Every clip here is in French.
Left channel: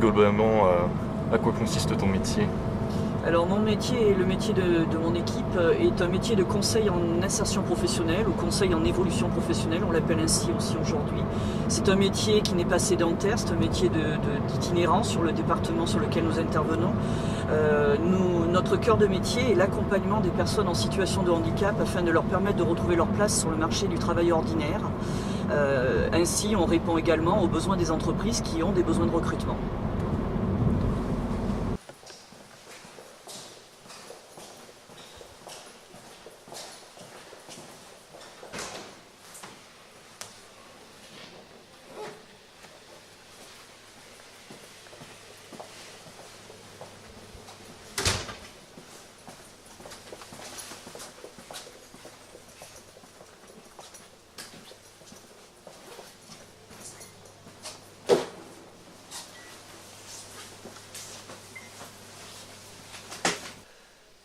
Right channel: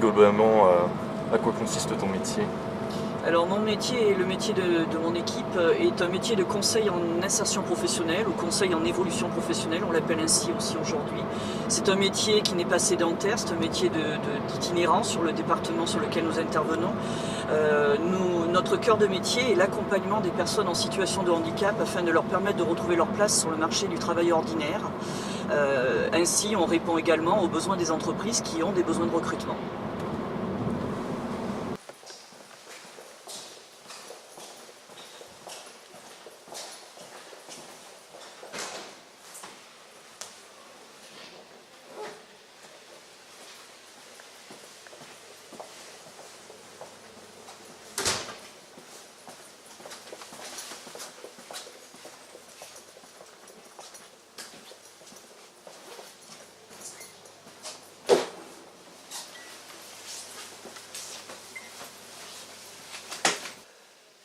globalement à quoi consiste ton métier? Alors mon métier et le métier de mon équipe est un métier de conseil en insertion professionnelle ou conseil en évolution professionnelle, on l'appelle ainsi aussi aujourd'hui. C'est un métier qui n'est pas sédentaire, c'est un métier d'itinérance sur le département sur lequel nous intervenons. Notre cœur de métier est l'accompagnement des personnes en situation de handicap afin de leur permettre de retrouver leur place sur le marché du travail ordinaire. Ainsi, on répond également aux besoins des entreprises qui ont des besoins de recrutement.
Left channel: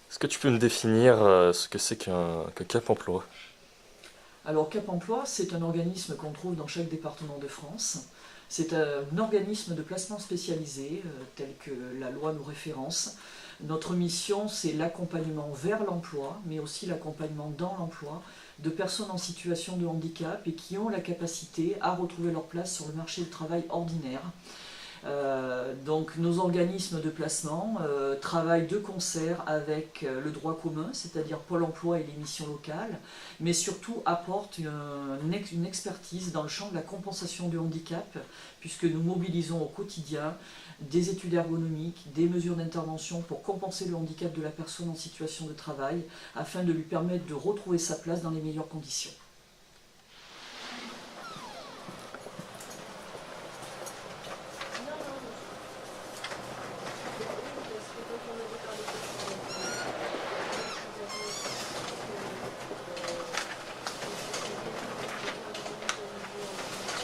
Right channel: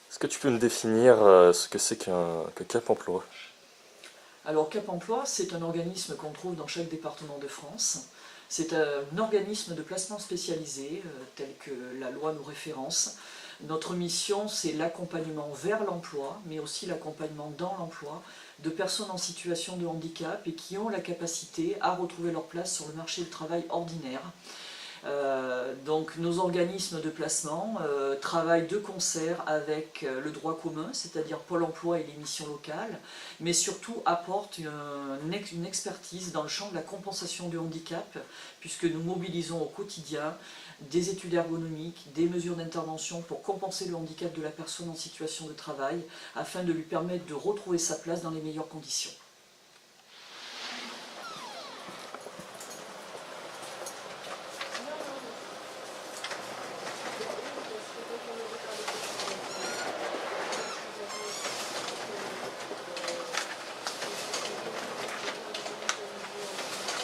Est-ce que tu peux me définir ce que c'est que Cap Emploi? Alors Cap Emploi, c'est un organisme qu'on trouve dans chaque département de France. C'est un organisme de placement spécialisé, tel que la loi nous référence. Notre mission, c'est l'accompagnement vers l'emploi, mais aussi l'accompagnement dans l'emploi de personnes en situation de handicap et qui ont la capacité à retrouver leur place sur le marché du travail ordinaire. Donc nos organismes de placement travaillent de concert avec le droit commun, c'est-à-dire Pôle emploi et les missions locales, mais surtout apportent une expertise dans le champ de la compensation du handicap, puisque nous mobilisons au quotidien des études ergonomiques, des mesures d'intervention pour compenser le handicap de la personne en situation de travail, afin de lui permettre de retrouver sa place dans les meilleures conditions.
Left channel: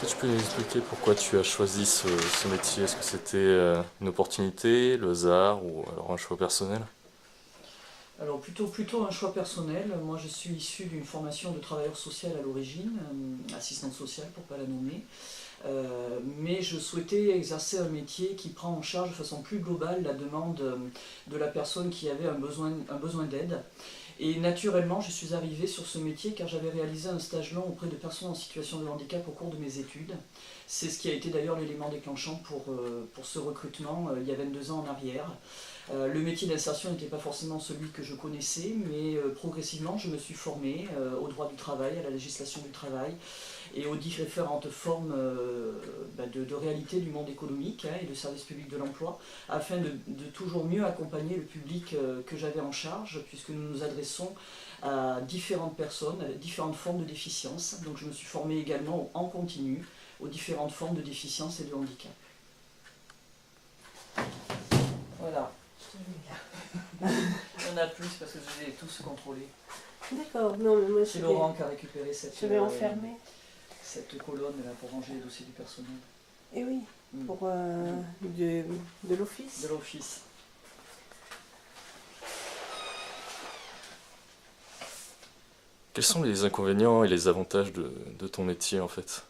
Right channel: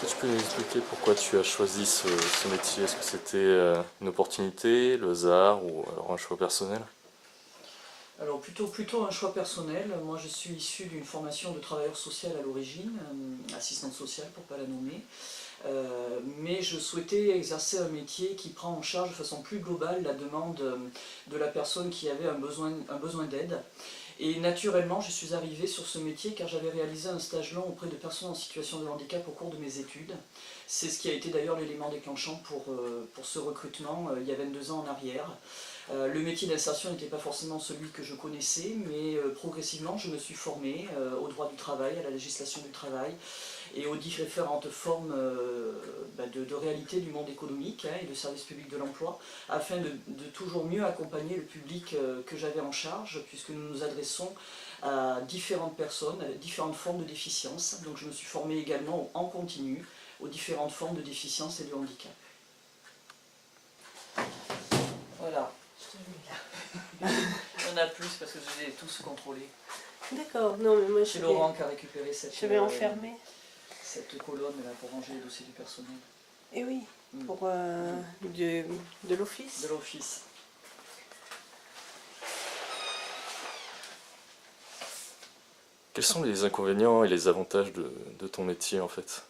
Est-ce que tu peux nous expliquer pourquoi tu as choisi ce métier? Est-ce que c'était une opportunité, le hasard ou alors un choix personnel? Alors plutôt un choix personnel. Moi je suis issu d'une formation de travailleur social à l'origine, assistante sociale pour ne pas la nommer. Mais je souhaitais exercer un métier qui prend en charge de façon plus globale la demande de la personne qui avait un besoin d'aide. Et naturellement, je suis arrivée sur ce métier car j'avais réalisé un stage long auprès de personnes en situation de handicap au cours de mes études. C'est ce qui a été d'ailleurs l'élément déclenchant pour ce recrutement il y a 22 ans en arrière. Le métier d'insertion n'était pas forcément celui que je connaissais, mais progressivement je me suis formée au droit du travail, à la législation du travail et aux différentes formes de réalité du monde économique et de service public de l'emploi, afin de toujours mieux accompagner le public que j'avais en charge, puisque nous nous adressons à différentes personnes, à différentes formes de déficience. Donc je me suis formée également en continu aux différentes formes de déficience et de handicap. Voilà. Il y en a plus parce que je les ai tous contrôlés. D'accord, non mais moi C'est Laurent qui a récupéré je vais enfermer. cette colonne là pour ranger les dossiers du personnel. Et oui, pour de l'office. De l'office. Quels sont les inconvénients et les avantages de ton métier en fait?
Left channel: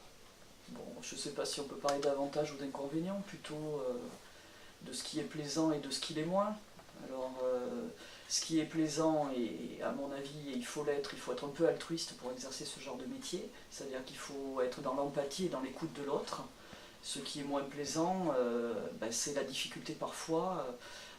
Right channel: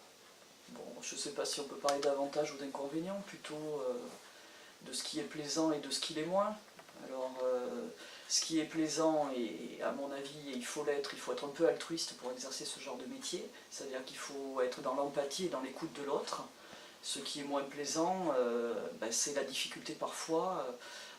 Bon, je ne sais pas si on peut parler d'avantages ou d'inconvénients, plutôt de ce qui est plaisant et de ce qui l'est moins. Alors, ce qui est plaisant, et à mon avis, il faut l'être, il faut être un peu altruiste pour exercer ce genre de métier, c'est-à-dire qu'il faut être dans l'empathie et dans l'écoute de l'autre. Ce qui est moins plaisant, c'est la difficulté parfois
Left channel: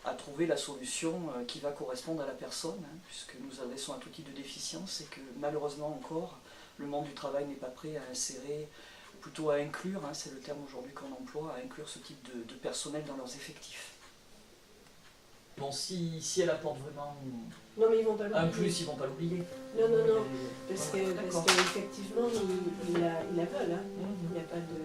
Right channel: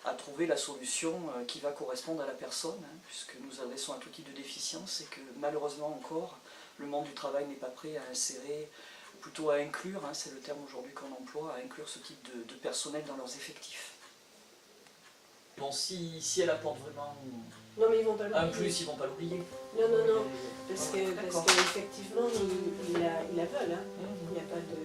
à trouver la solution qui va correspondre à la personne, puisque nous adressons à tout type de déficience et que malheureusement encore, le monde du travail n'est pas prêt à insérer, ou plutôt à inclure, c'est le terme aujourd'hui qu'on emploie, à inclure ce type de personnel dans leurs effectifs. Bon, si elle apporte vraiment Non mais ils vont pas un l'oublier. plus, ils ne vont pas l'oublier. Non, parce Voilà, qu'effectivement ils la veulent, il n'y a pas de...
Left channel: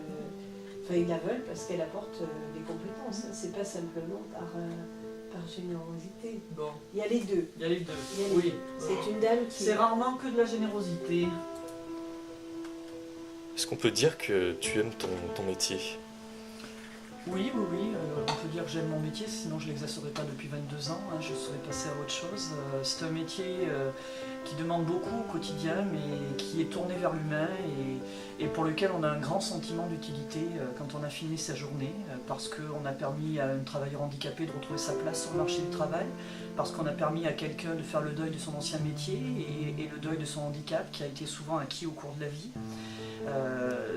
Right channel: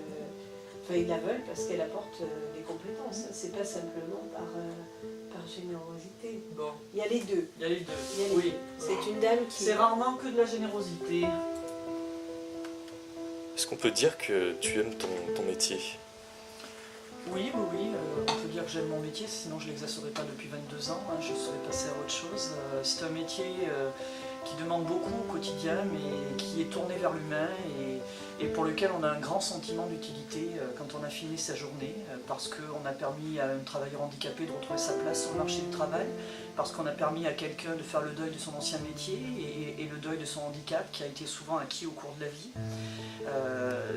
Enfin ils la veulent parce qu'elle apporte des compétences, c'est pas simplement par générosité. Bon, Il y a les deux. il y a les deux. Il y a les Oui. deux. C'est une dame qui... C'est rarement que de la générosité. Est-ce qu'on peut dire que tu aimes ton métier? Oui, on peut dire que j'aime mon métier, sinon je ne l'exercerai pas depuis 22 ans, je serais passé à autre chose. C'est un métier qui demande beaucoup au quotidien, mais qui est tourné vers l'humain et pour lequel on a un grand sentiment d'utilité quand on a fini sa journée, parce qu'on a permis à un travailleur handicapé de retrouver sa place sur le marché du travail, parce qu'on a permis à quelqu'un de faire le deuil de son ancien métier et le deuil de son handicap qui a été souvent acquis au cours de la vie.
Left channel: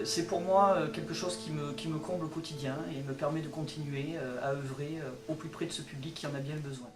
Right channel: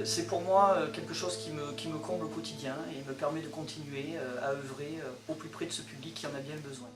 C'est pour moi quelque chose qui me comble au quotidien et me permet de continuer à œuvrer au plus près de ce public qui en a bien besoin.